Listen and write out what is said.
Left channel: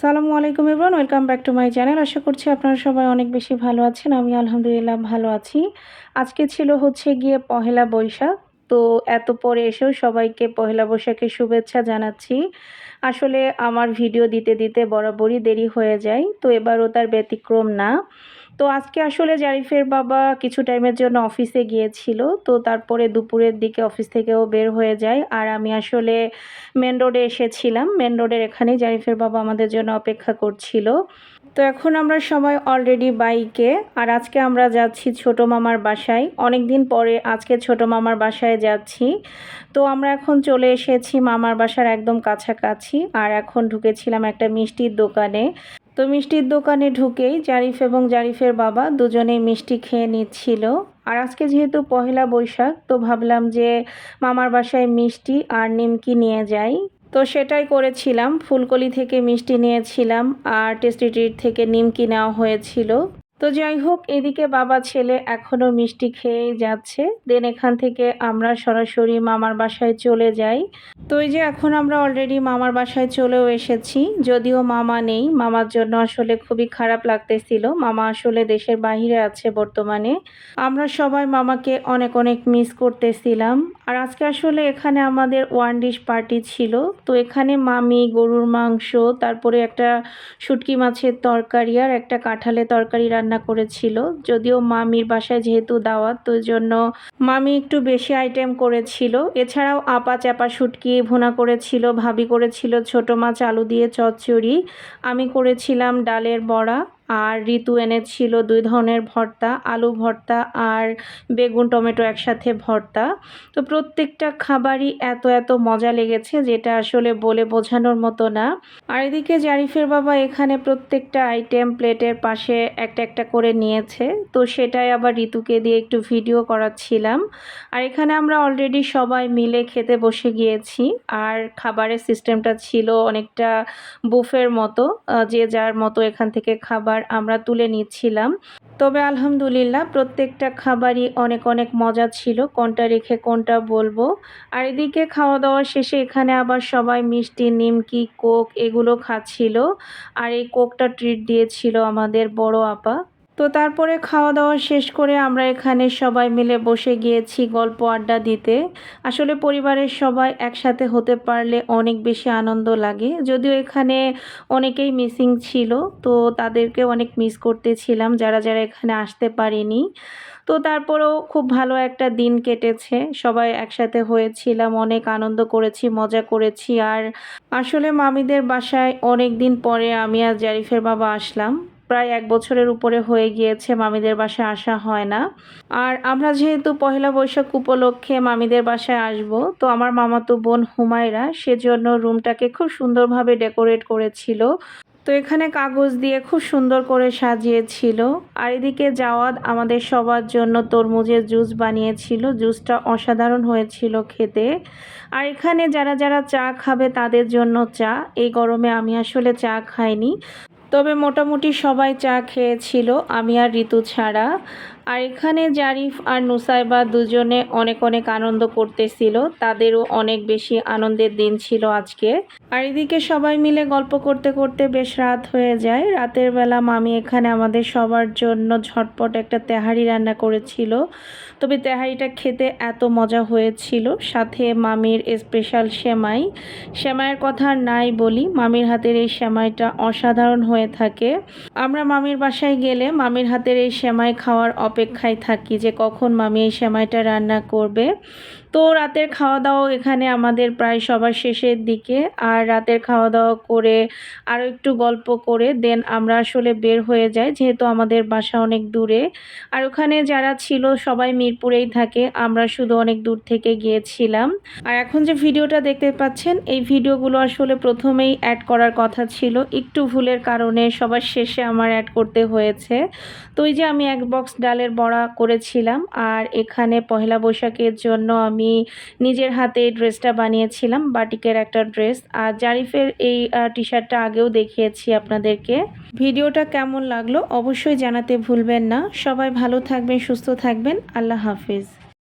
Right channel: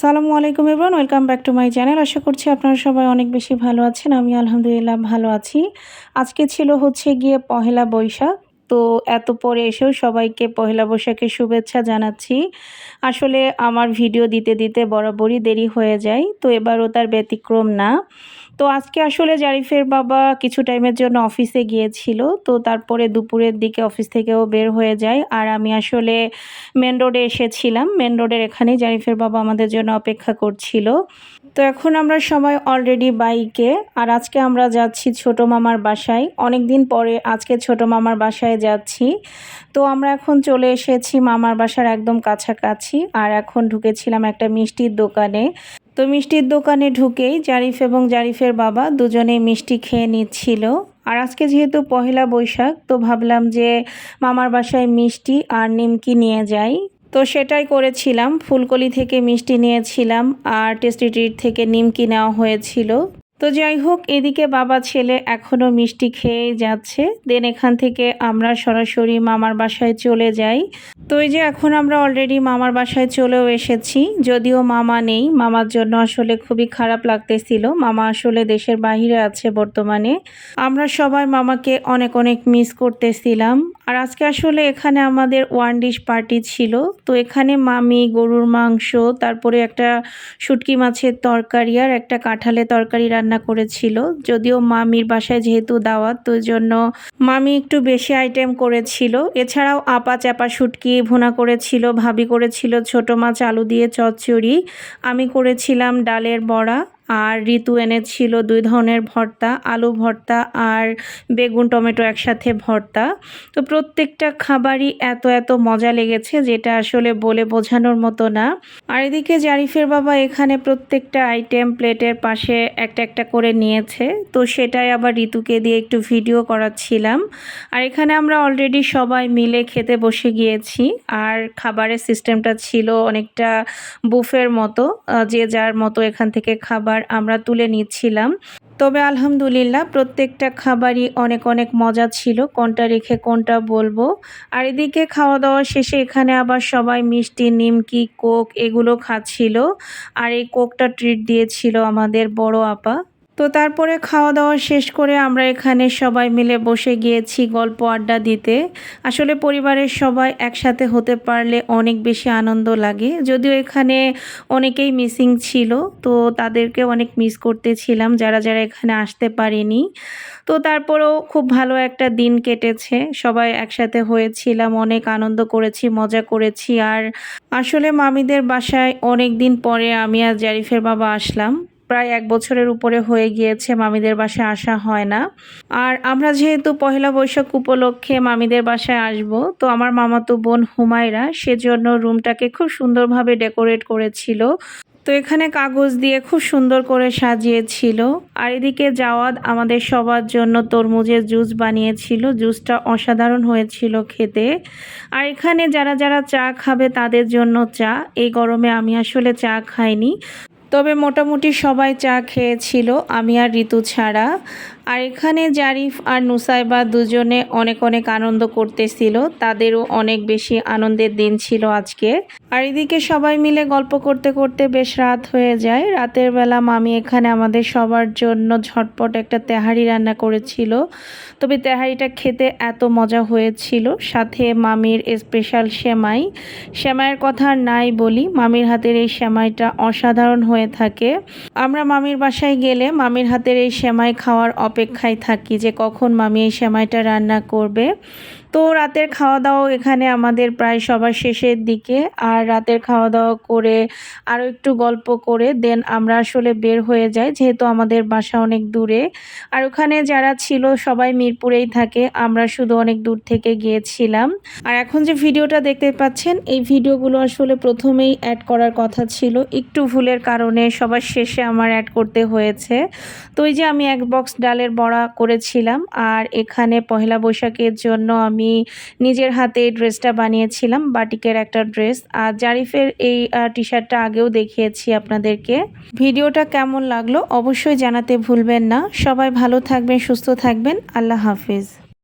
সালামু আলাইকুম everyone, welcome back to my channel. আশা করছি আপনারা সবাই অনেক বেশি ভালো আছেন। আমি আলহামদুলিল্লাহ ভালো আছি। আজকে ছিল হচ্ছে গিয়ে পহেলা বৈশাখ। তো এত পরে এসেও সবাইকে পহেলা বৈশাখের শুভেচ্ছা জানাচ্ছি। আসলে আমার ভিডিও দিতে দিতে বরাবরই দেরি হয়ে যায়, তো এবারও তার ব্যতিক্রম না। তো আজকে আসলে জারিফের বাবা কিছু টাইমের জন্য অফিসে গিয়েছিল, তো তারপরে দুপুরের দিকে অফিস থেকেও বের হয়ে যায়। আর আমি আসলে মেন রোডে এসেছিলাম। মেন রোডের এখানেই জারিফের বাবা আমাদের জন্য অপেক্ষা করছিল। তো এখন আমরা সবাই অলরেডি বাইকে, আর আজকে আমরা যাচ্ছি ছোট মামার বাসায়। অনেক দিন পরে আজকে ছোট মামার বাসায় যাচ্ছি। তো আমরা এখন চলে এসেছি মামার বাসার একদম কাছাকাছি, আর এখন ঢুকেছিলাম একটা মিষ্টির দোকানে। তো মিষ্টির দোকানে ঢুকেই জারিফ এবং জারিফের বাবা দুজনেই মিষ্টি খেয়ে নিচ্ছিল। আর আজকে যেহেতু পহেলা বৈশাখ, তো ভাবলাম যে মামার বাসায় মিষ্টি আর নিমকি নিয়ে যাই। তো সেটাই করেছিলাম। ফুলকলি থেকে মিষ্টি নিয়েছিলাম, আর টেস্টি ট্রিট থেকে নিমকি নেওয়া হয়েছিল। তো যাই হোক, এদিকে বাবা ছেলে এখনও মিষ্টি খেয়েই যাচ্ছে। দেন এখান থেকে আমরা সরাসরি মামার বাসায় চলে যাই। তো এই যে এখন আমরা অলরেডি মামার বাসায় চলেও এসেছি। যদিও মামা নেই, মামার জন্য আসলে খুবই খারাপ লাগতেছিল। মামা আসলে দেশের বাইরে আছে বর্তমানে। আমরা সবাই মামাকে অনেক অনেক মিস করতেছিলাম। আর আজকে আসলে এখানে আমাদের ওয়ান ডিশ পার্টি ছিল। তো এখানে মামি গরুর মাংস, তারপরে একটা শুটকি মাছের তরকারি আর একটা কাঁঠালের তরকারি রান্না করেছিল। যদিও মামির বাসায় যেহেতু দাওয়াত, তো জন্য মামি একটু বেশি আইটেম করেছিল। এছাড়াও আপা চাপা শুটকি ভুনা করেছিল, ভাবি করেছিল ছোট মাছ আলু দিয়ে চচ্চড়ি, আমি করেছিলাম ডালের বড়া, আর ঋতু এনেছিল 2 ধরনের ভর্তা, আলু ভর্তা আর বেগুন টমেটো একসাথে ভর্তা। তো প্রত্যেকটা খাবারই এত এত মজা লেগেছে, যেটা আসলে বলে বোঝানোর মতো না। আর এদিকে জারিফের বাবা এখানে প্রত্যেকটা আইটেম প্লেটের পাশে একটা একটা করে নিয়েছে। তো সেটাই আবার ঋতুকে দিয়ে একটু ভিডিও করাচ্ছিলাম। আর এখানে আমরা অলরেডি সবাই মিলে খেতে বসে গিয়েছি। আর খাবারের সিস্টেমটা ছিল অনেকটা বুফের মতো, যে যার মতো এখান থেকে খাবার আমরা তুলে নিচ্ছিলাম। তবে আলহামদুলিল্লাহ প্রত্যেকটা খাবারই অনেক অনেক মজা ছিল, কোনটা রেখে কোনটা বলবো। আর এদিকে খাওয়া দাওয়া শেষে এখানে আবার সবাই মিষ্টি, নিমকি, কোক এগুলো খাচ্ছিল। আর এই কোকটা ট্রিট দিয়েছিল আমাদের বড় আপা। তো তারপরে খাওয়া দাওয়া শেষ করে আমরা এখানে সবাই মিলে বসে গিয়েছি গল্প আড্ডা দিতে। আসলে পরিবারের সবাই একসাথে হতে পারলে অনেক বেশি আনন্দ লাগে। যদিও এখানে অনেকেই মিসিং ছিল, তো তাদেরকে অনেক মিস করতেছিলাম যারা যারা এখানে আসতে পারেনি। তো তারপরেও খুব ভালো একটা দিন কেটেছে, সবাই একসাথে হয়েছিলাম, অনেক আনন্দ করেছি, মজা করেছি। আর আসলে মামিদের বাসায় অনেক দিন পরে আমি আর জারিফের বাবা আসলাম। প্রায় 1 বছরের উপরে হয়ে গিয়েছে মামিদের বাসায় আসা হয় না। আর আমরা যেহেতু পহেলা বৈশাখ উপলক্ষে মামিদের বাসায় আসব, তো আমার মামাতো বোন হুমায়রা সেজন্য রুমটাকে খুব সুন্দরভাবে ডেকোরেট করেছিল। তো এখানে কাগজ দিয়ে খুব সুন্দর করে সাজিয়েছিল। আর এদিকে জাওয়াদ আমাদের সবার জন্য তরমুজের জুস বানিয়েছিল। জুসটা অসাধারণ হয়েছিল খেতে। আর এখানে যারা যারা চা খাবে তাদের জন্য চা। এই গরমে আমি আসলে চা খাইনি, তবে মোটামুটি সবাই চা খেয়েছিল, আমি আর ঋতু ছাড়া। আর এখানে জারিফ আর নুসাইবা দুজনে অনেক অনেক আনন্দ করতেছিল, তাদেরও অনেক বেশি আনন্দের দিন ছিল আজকে। আর এদিকে সবাই মিলে গল্প করতে করতে বেশ রাত হয়ে যায়। রাতের বেলা মামি এখানে আমাদের সবার জন্য ঝটপট একটা তেহারি রান্না করেছিল। তবে তেহারিটা খেতে এত মজা হয়েছিল, সাথে মামির স্পেশাল সেমাই। সেমাইয়ের কথা নাই বলি, মামির হাতের এই সেমাইটা অসাধারণ হয়ে থাকে। আমরা মামির বাসায় গেলে মামির হাতের এই সেমাই খাওয়ার অপেক্ষায় থাকি যে কখন মামি এই সেমাইটা রান্না করবে। তো রাতের খাওয়া দাওয়া এখানে আমাদের প্রায় সবার শেষের দিকে। আর রাতের খাওয়া দাওয়া করে আরও একটু গল্প করে দেন আমরা আসলে বের হয়ে যাই, যেহেতু আমাদের বাসা অনেক দূরে। আর ওখানে যারা ছিল সবাই মিরপুরেই থাকে, আমরা শুধু অনেক দূর থেকে গিয়েছিলাম। আর এখন যে ভিডিওটা দেখতে পাচ্ছেন, এই ভিডিওগুলো আসলে প্রথমেই অ্যাড করার কথা ছিল, একটু ভুলের কারণে সবার শেষে আমার অ্যাড করতে হয়েছে। তো এই যে আমি 1 বক্স ডালের বড়া করেছিলাম। আর এখানে পহেলা বৈশাখের জন্য আমি নিজের হাতে এই ড্রেসটা বানিয়েছিলাম, বাটিকের একটা ড্রেস। আর জারিফের এই টি শার্টটা আগেও দেখিয়েছি আপনাদেরকে। ভিডিওটা কেমন লাগলো অবশ্যই জানাতে ভুলবেন না। সবাই ভালো থাকবেন, সুস্থ থাকবেন। আল্লাহ হাফিজ।